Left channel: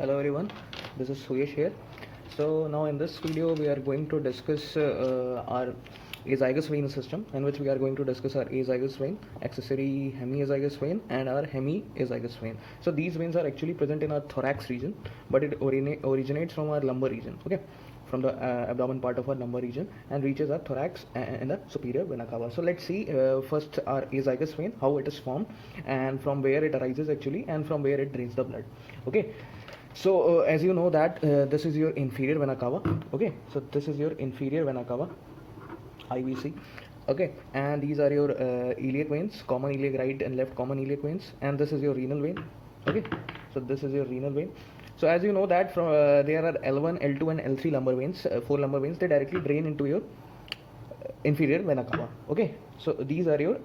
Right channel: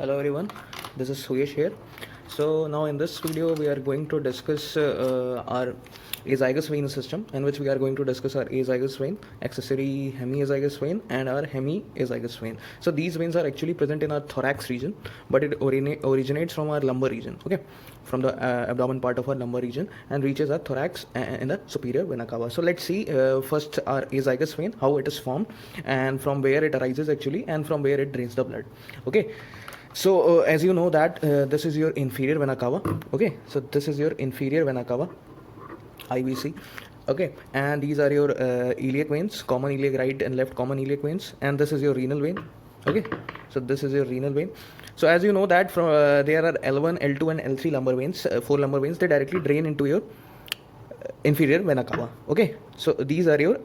Hello everyone, this is Suyesh here. So now in this video we are going to discuss our azygous vein system, in which we are going to discuss our azygous vein, accessory hemiazygous vein and our hemiazygous vein. So these veins are actually present in our thorax region, but it originates from our lumbar region, okay, from the abdomen part of our lumbar region and reaches our thorax in the superior vena cava. So let's see first our azygous vein, how it is formed and from where it arises actually and from where it drains the blood, okay. So as you know that this is your inferior vena cava, okay. So this is your inferior vena cava, IVC, okay, and these are your iliac veins, common iliac right and left common iliac veins, and this is your renal vein, okay. So this is your renal vein. So as you know that from there are L1, L2 and L3 lumbar veins, 4 lumbar veins. They directly drain into your inferior vena cava, okay. So these are your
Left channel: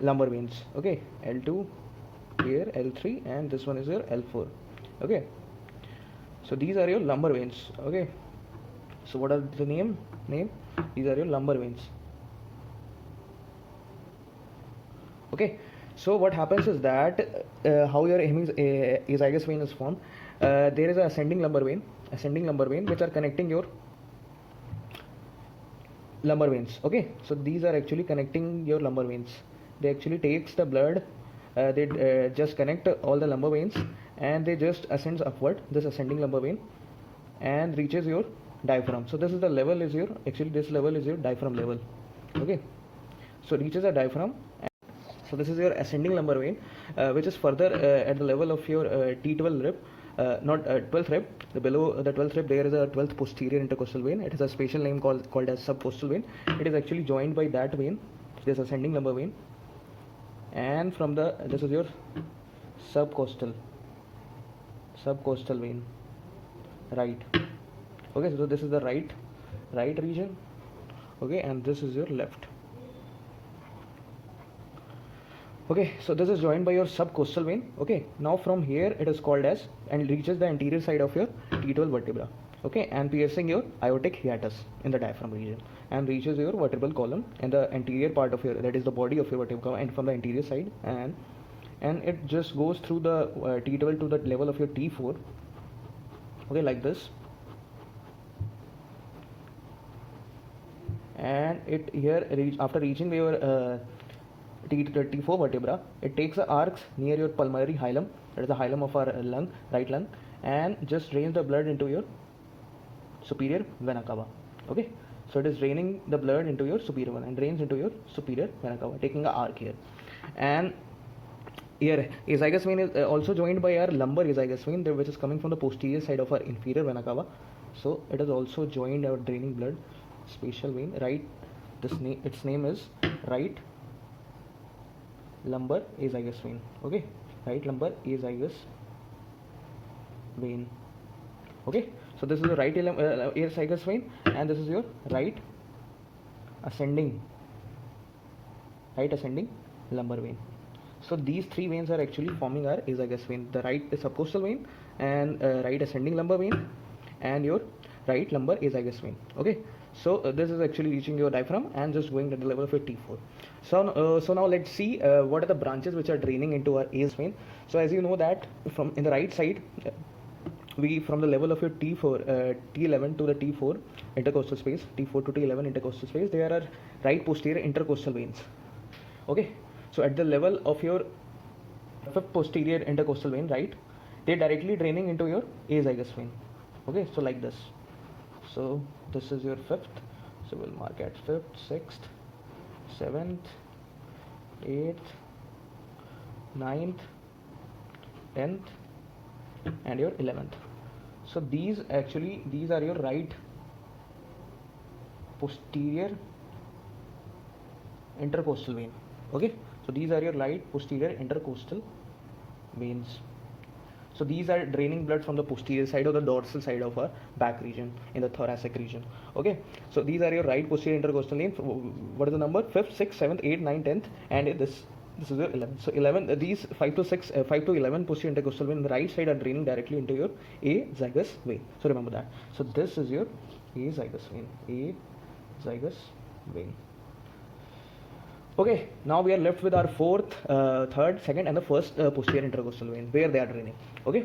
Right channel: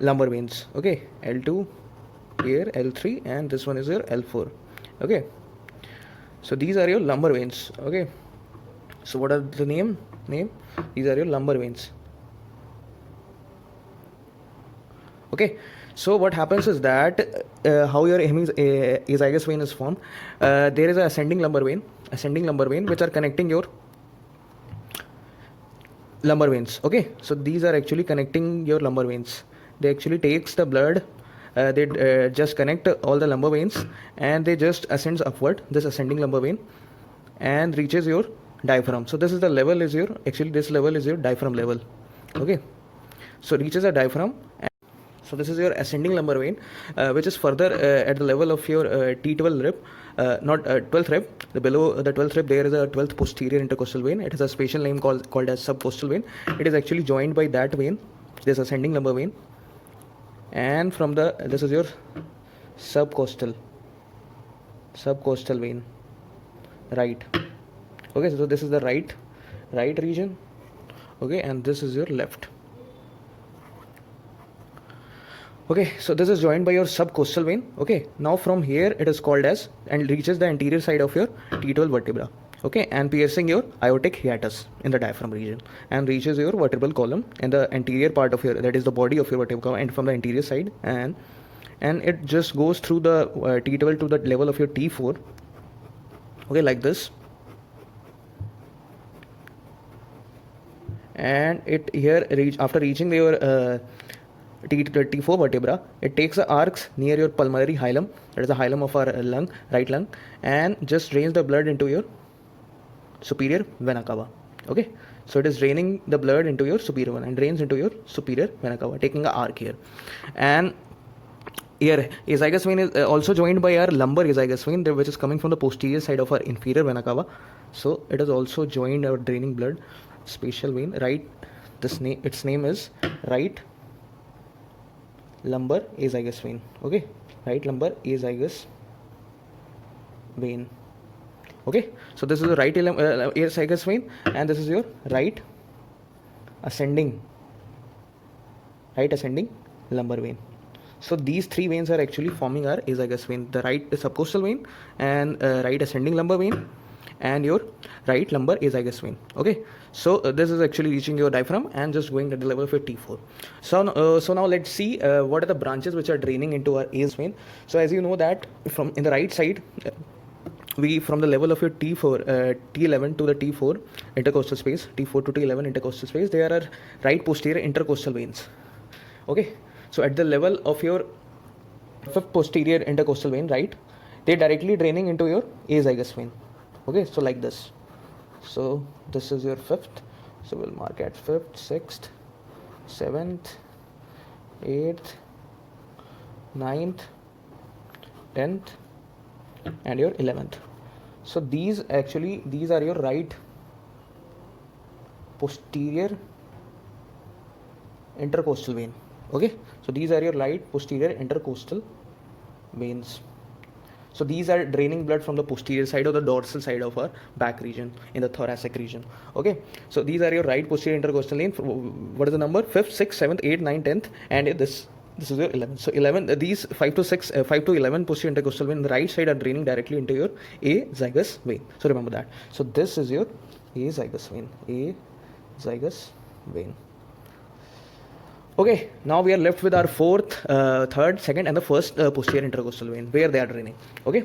lumbar veins, okay. L2 here, L3, and this one is your L4, okay. So these are your lumbar veins, okay. So what are the name these are your lumbar veins, okay. So what happens is that how your azygous vein is formed, there is a ascending lumbar vein which are connecting your lumbar veins, okay. So these are actually connecting your lumbar veins. They actually takes the blood, they just connect all the lumbar veins and they just ascends upward, this ascending lumbar vein, and reaches your diaphragm. So this is the level is your, actually this level is your diaphragm level, okay. So reaches a diaphragm. So this is your ascending lumbar vein, which is further at the level of your T12 rib, not 12th rib. Below the 12th rib, there is a 12th posterior intercostal vein. It has a special name called as subcostal vein. It is actually joined by that vein, this ascending lumbar vein, and from the this is your subcostal vein, right, okay. So this is the right region, okay, and this is your left. Okay, so this is joined by your subcostal vein, okay. Now from here it is called as and reaches the anterior side of your T12 vertebra, okay, and piercing your aortic hiatus in the diaphragm region and reaches your vertebral column in the anterior part of your, that is the body of your vertebra, and from the anterior side, and it just goes through the T12 to the level of your T4, okay, like this. And it here after reaching your T4 vertebra, it takes the arcs near your pulmonary hilum, that is the hilum of our lung, right lung, and just drains the blood into your superior vena cava, okay. So it is draining the blood into your superior vena and drains into your superior vena cava, taking an arc here. And here azygous vein is also joined by our lumbar azygous vein, which is coming from the posterior side of our inferior vena cava. So it is also joined our draining blood special vein, right. Its name is right lumbar azygous vein, okay, right lumbar azygous vein, okay. So this is the right azygous vein, and this is your right ascending lumbar vein. So these three veins are actually forming our azygous vein: the right subcostal vein, and right ascending lumbar vein, and your right lumbar azygous vein, okay. So this is actually reaching your diaphragm and just going at the level of your T4. So now let's see what are the branches which are draining into our azygous vein. So as you know that from in the right side, we from the level of your T4 T11 to the T4 intercostal space, T4 to T11 intercostal space, there are right posterior intercostal veins, okay. So at the level of your fifth posterior intercostal vein, right, they're directly draining into your azygous vein, okay. So like this. So this is your fifth, so we'll mark at fifth, sixth, seventh, eighth, ninth, 10th, and your 11th. So these are your right posterior intercostal vein, okay. So these are your right posterior intercostal veins. So these are draining blood from the posterior side or the dorsal side of our back region in the thoracic region, okay. So these are your right posterior intercostal vein. What is the number? 5th, 6th, 7th, 8th, 9th, 10th, and this is your 11th. So 11, these 5 to 11 posterior intercostal vein in the right side are draining directly into your azygous vein. So remember that. So this is your azygous vein. Okay, now we are left with our fourth, third, second, and the first posterior intercostal vein, where they are draining, okay.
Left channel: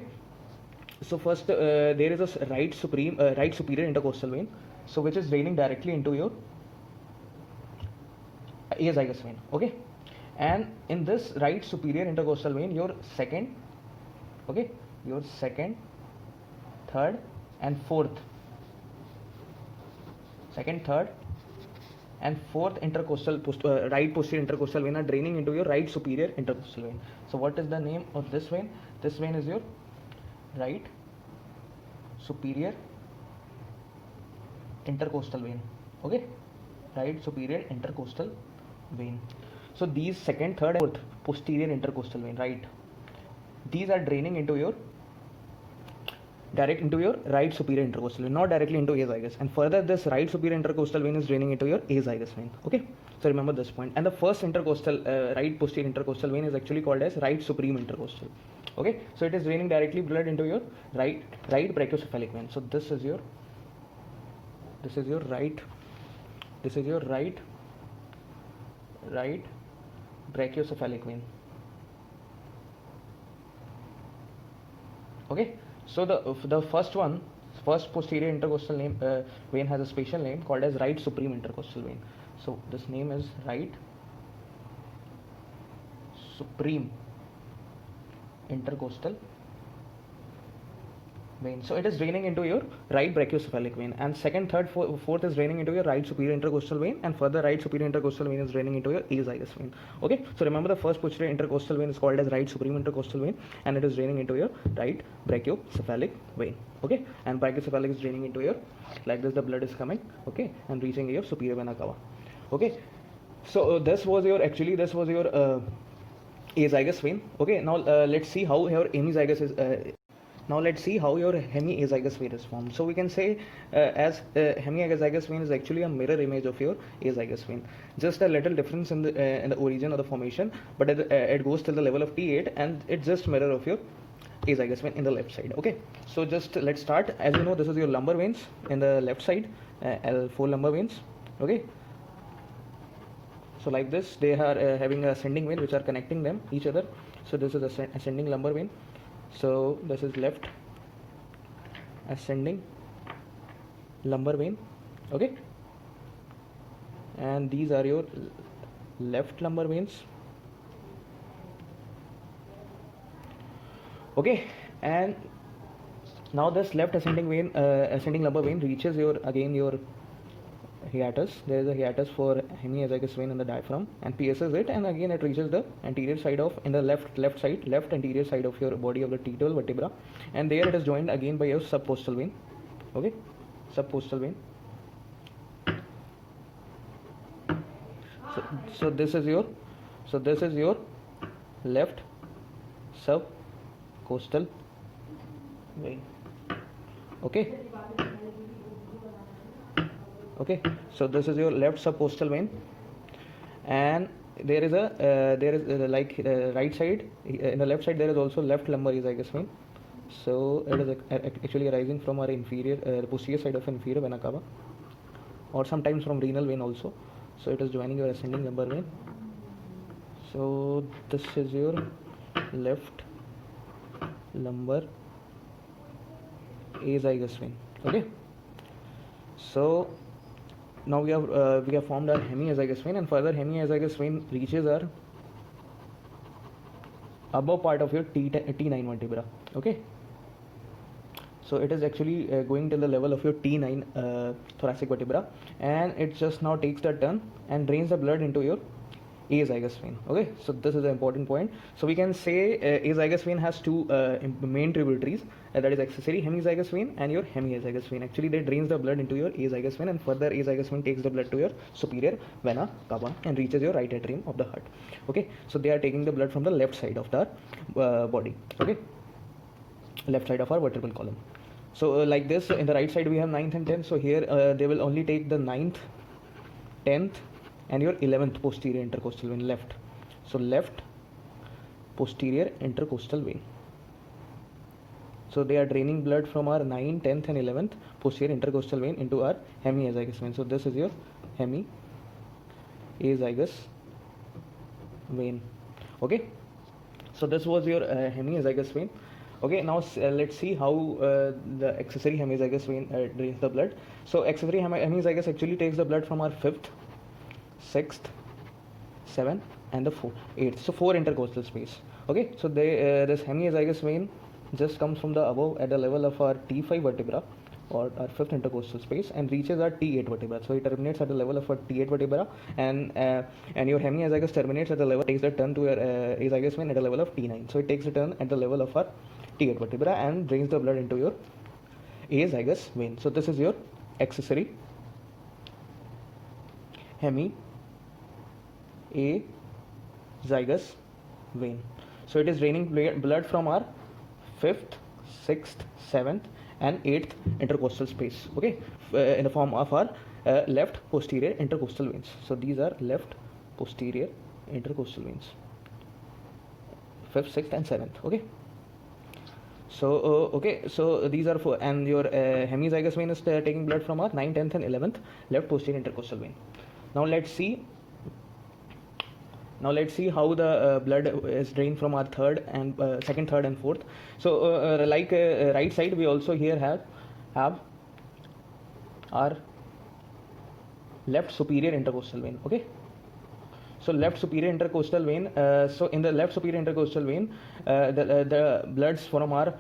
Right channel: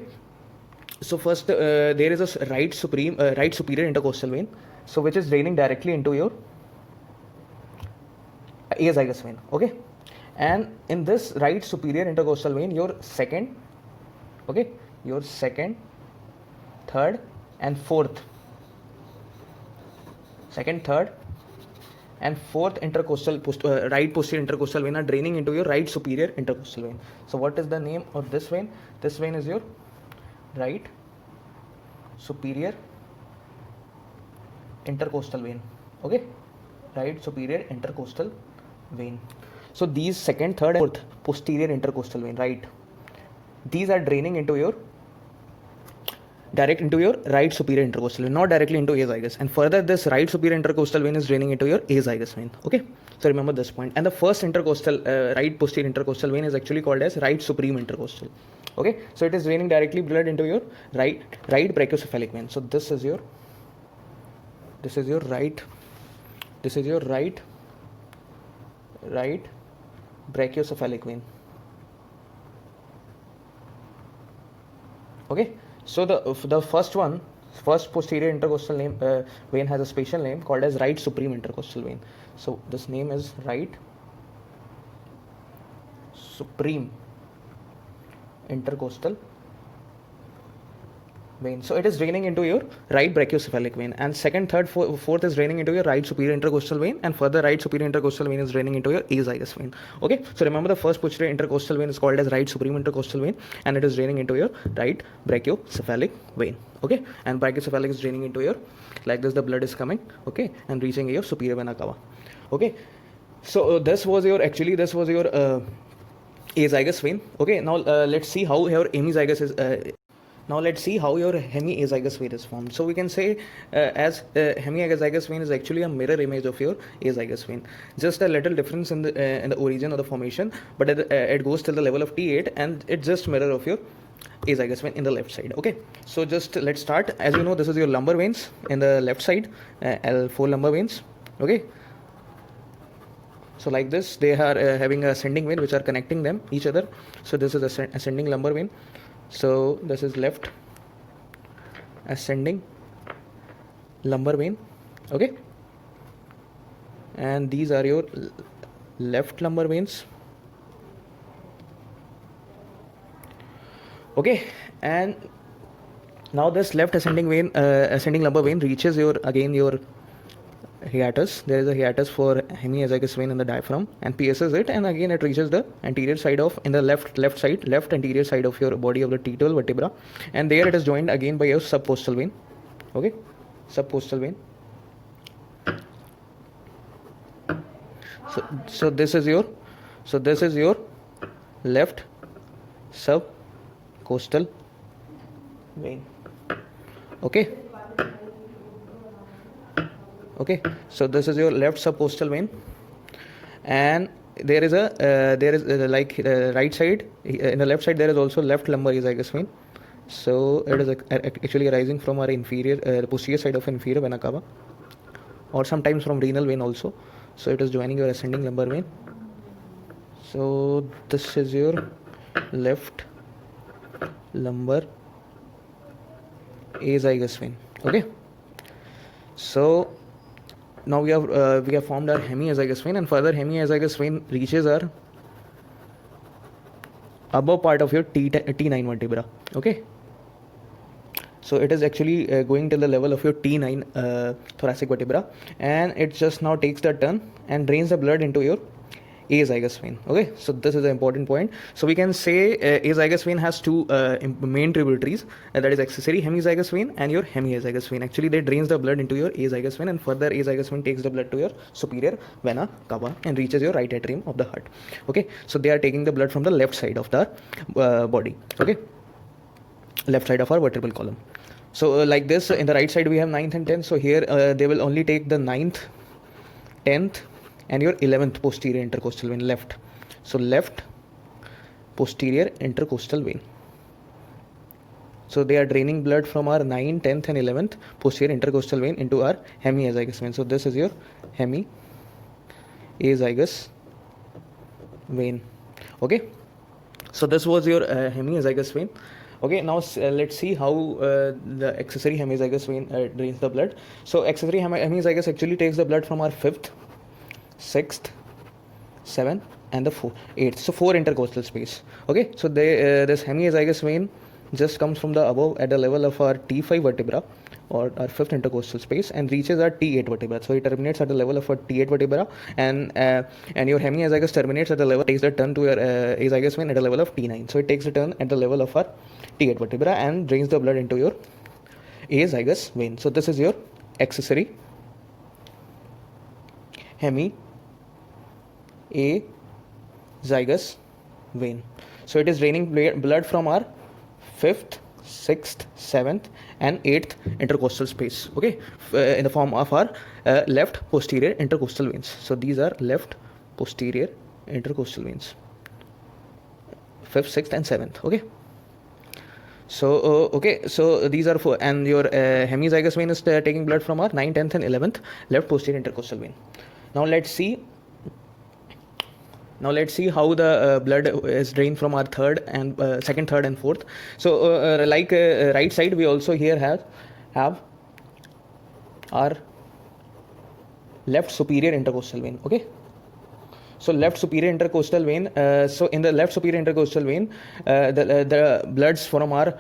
So first, there is a right superior intercostal vein, so which is draining directly into your azygous vein. Okay, and in this right superior intercostal vein, your second, third, and fourth, right posterior intercostal vein are draining into your right superior intercostal vein. So what is the name of this vein? This vein is your right superior intercostal vein. Okay, right superior intercostal vein. So these second, third, and fourth posterior intercostal vein, right, these are draining into your right superior intercostal vein, not directly into azygous. And further, this right superior intercostal vein is draining into your azygous vein. Okay, so remember this point. And the first right posterior intercostal vein is actually called as right supreme intercostal. Okay, so it is draining directly blood into your right brachiocephalic vein. So this is your right brachiocephalic vein. Okay, so the first posterior intercostal vein has a special name called as right supreme intercostal vein. So this name is right supreme intercostal vein. So it is draining into your right brachiocephalic vein, and second, third, fourth is draining into your right superior intercostal vein, and further right superior intercostal vein is draining into your azygous vein. Okay, so remember the first posterior intercostal vein is called as right supreme intercostal vein, and it is draining into your right brachiocephalic vein. Okay, and brachiocephalic is draining into your, like this, the blood is coming, okay, and reaching your superior vena cava. Okay, so this was your azygous vein. Okay, now let's see how your hemizygous is. Now let's see how your hemiazygous vein is formed. So we can say as hemiazygous vein is actually a mirror image of your azygous vein. Just a little difference in the origin of the formation, but it goes till the level of T8, and it's just mirror of your azygous vein in the left side. Okay, so just let's start. As you know, this is your lumbar veins in the left side, L4 lumbar veins. Okay, so like this, they are having a ascending vein which are connecting them each other. So this is ascending lumbar vein. So this is left ascending lumbar vein. Okay, and these are your left lumbar veins. Okay, and now this left ascending lumbar vein reaches your hiatus. There is a hiatus for hemiazygous vein in the diaphragm, and pierces it, and again it reaches the anterior side of, in the left anterior side of your body of the T12 vertebra, and there it is joined again by your subcostal vein. Okay, subcostal vein. So this is your left subcostal vein. Okay. Okay, so this is your left subcostal vein, and there is right side, in the left side there is also left lumbar azygous vein. So it is actually arising from our inferior, posterior side of inferior vena cava, or sometimes from renal vein also. So it is joining your ascending lumbar vein. So this is your left lumbar azygous vein. Okay, so now we have formed our hemiazygous vein, and further hemiazygous vein reaches our above part of your T9 vertebra. Okay, so it is actually going till the level of your T9 thoracic vertebra, and it just now takes the turn and drains the blood into your azygous vein. Okay, so this is the important point. So we can say azygous vein has two main tributaries, that is accessory hemizygous vein and your hemiazygous vein. Actually, they drains the blood into your azygous vein, and further azygous vein takes the blood to your superior vena cava and reaches your right atrium of the heart. Okay, so they are taking the blood from the left side of the body. Okay, left side of our vertebral column. So like this, in the right side we have 9th and 10th. So here they will only take the 9th, 10th, and your 11th posterior intercostal vein left. So left posterior intercostal vein. So they are draining blood from our 9th, 10th, and 11th posterior intercostal vein into our hemiazygous vein. So this is your hemiazygous vein. Okay, so this was your hemiazygous vein. Okay, now let's see how the accessory hemizygous vein drains the blood. So accessory hemizygous actually takes the blood from our 5th, 6th, 7th and the 8th, so 4 intercostal space. Okay, so this hemizygous vein just comes from the above at the level of our T5 vertebra or our 5th intercostal space and reaches our T8 vertebra. So it terminates at the level of our T8 vertebra, and your hemizygous terminates at the level, takes the turn to your azygous vein at the level of T9. So it takes a turn at the level of our T8 vertebra and drains the blood into your azygous vein. So this is your accessory hemizygous vein. So it is draining blood from our 5th, 6th, 7th and 8th intercostal space, okay, in the form of our left posterior intercostal veins. So these are left posterior intercostal veins, 5th, 6th and 7th. Okay, so okay, so these are 4, and your hemizygous vein is taking blood from our 9th, 10th and 11th left posterior intercostal vein. Now let's see how the blood is drained from our second, third and fourth. So like right side, we also here have our left superior intercostal vein. Okay, so left superior intercostal vein, so in the left superior intercostal vein, the bloods from our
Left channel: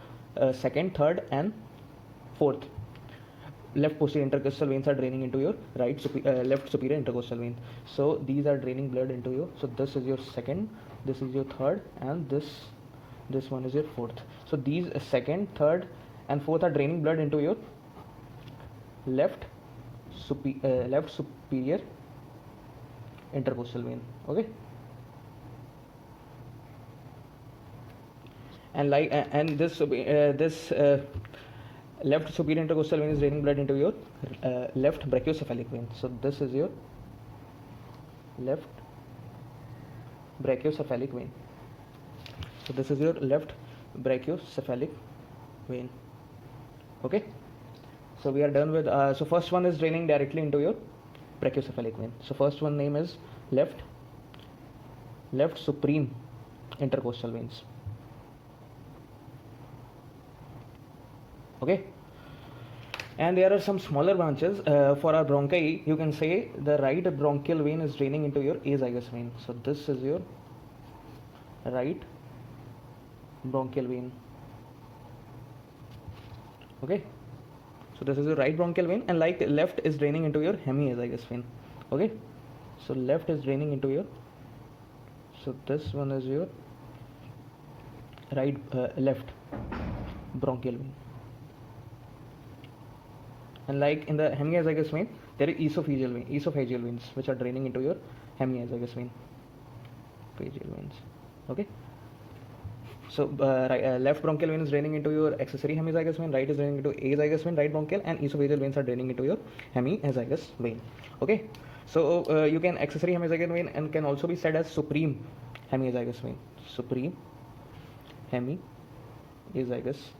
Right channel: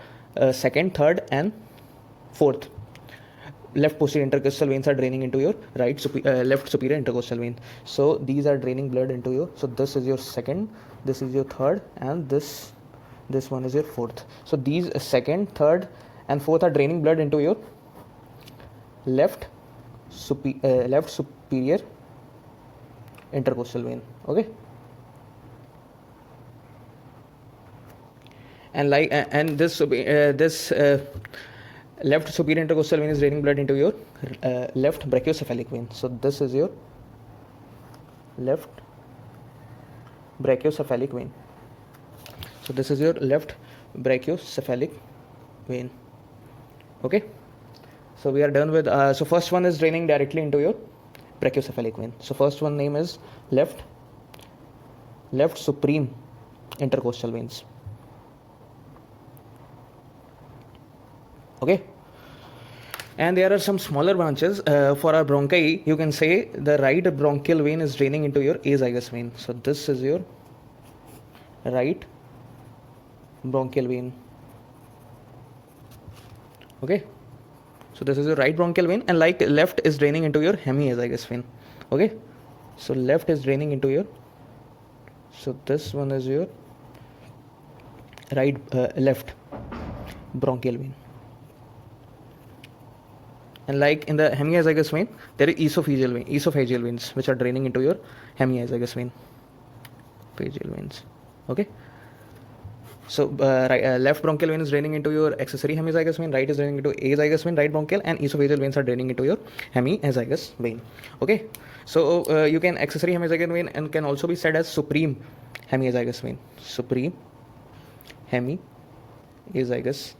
second, third and fourth left posterior intercostal veins are draining into your left superior intercostal vein. So these are draining blood into your, so this is your second, this is your third and this one is your fourth. So these second, third and fourth are draining blood into your left superior intercostal vein. Okay, and like and this left superior intercostal vein is draining blood into your left brachiocephalic vein. So this is your left brachiocephalic vein. So this is your left brachiocephalic vein. Okay, so we are done with so first one is draining directly into your brachiocephalic vein. So first one name is left supreme intercostal veins. Okay, and there are some smaller branches for our bronchi. You can say the right bronchial vein is draining into your azygous vein. So this is your right bronchial vein. Okay, so this is your right bronchial vein, and like left is draining into your hemiazygous vein. Okay, so left is draining into your, so this one is your right left bronchial vein. And like in the hemiazygous vein, there is esophageal veins which are draining into your hemiazygous vein, phageal veins. Okay, so left bronchial vein is draining into your accessory hemizygous vein, right is draining into azygous vein, right bronchial, and esophageal veins are draining into your hemiazygous vein. Okay, so you can accessory hemizygous vein and can also be said as supreme hemiazygous vein, supreme hemiazygous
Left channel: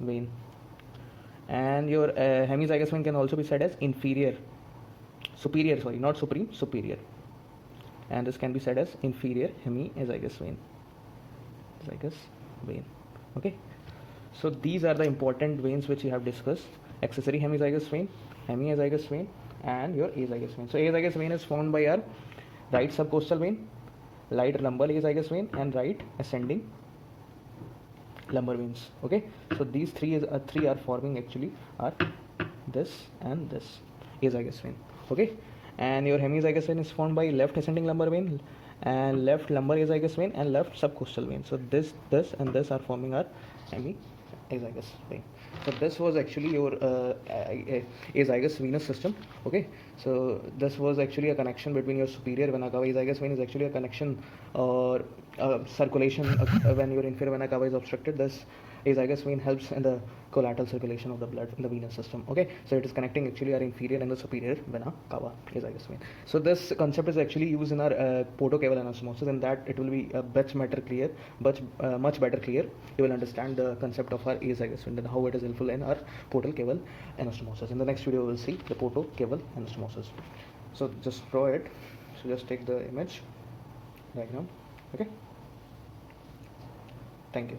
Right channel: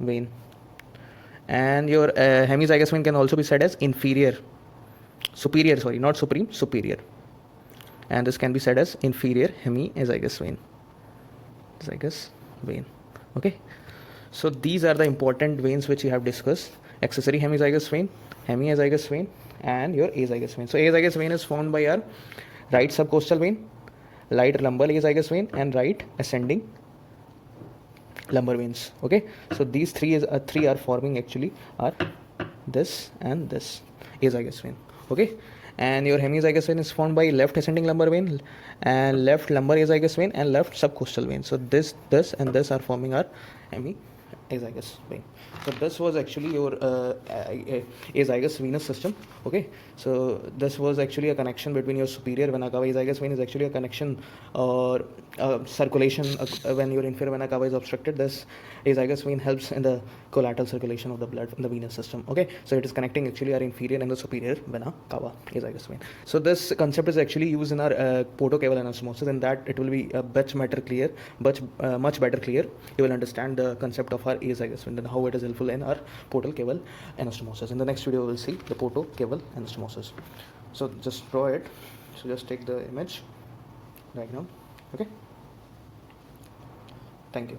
vein. And your hemizygous vein can also be said as superior, not supreme, superior, and this can be said as inferior hemiazygous vein. Okay, so these are the important veins which you have discussed: accessory hemizygous vein, hemiazygous vein, and your azygous vein. So azygous vein is formed by our right subcostal vein, right lumbar azygous vein, and right ascending lumbar veins. Okay, so these three are forming actually are this and this azygous vein. Okay, and your hemizygous vein is formed by left ascending lumbar vein and left lumbar azygous vein and left subcostal vein. So this and this are forming our hemizygous vein. So this was actually your azygous venous system. Okay, so this was actually a connection between your superior vena cava. Azygous vein is actually a connection or circulation when your inferior vena cava is obstructed. This azygous vein helps in the collateral circulation of the blood in the venous system. Okay, so it is connecting actually our inferior and the superior vena cava, azygous vein. So this concept is actually used in our portocaval anastomosis, and that it will be much better clear. You will understand the concept of our azygous vein and how it is helpful in our portocaval anastomosis. In the next video, we will see the portocaval anastomosis. So just draw it. So just take the image right now. Okay. Thank you.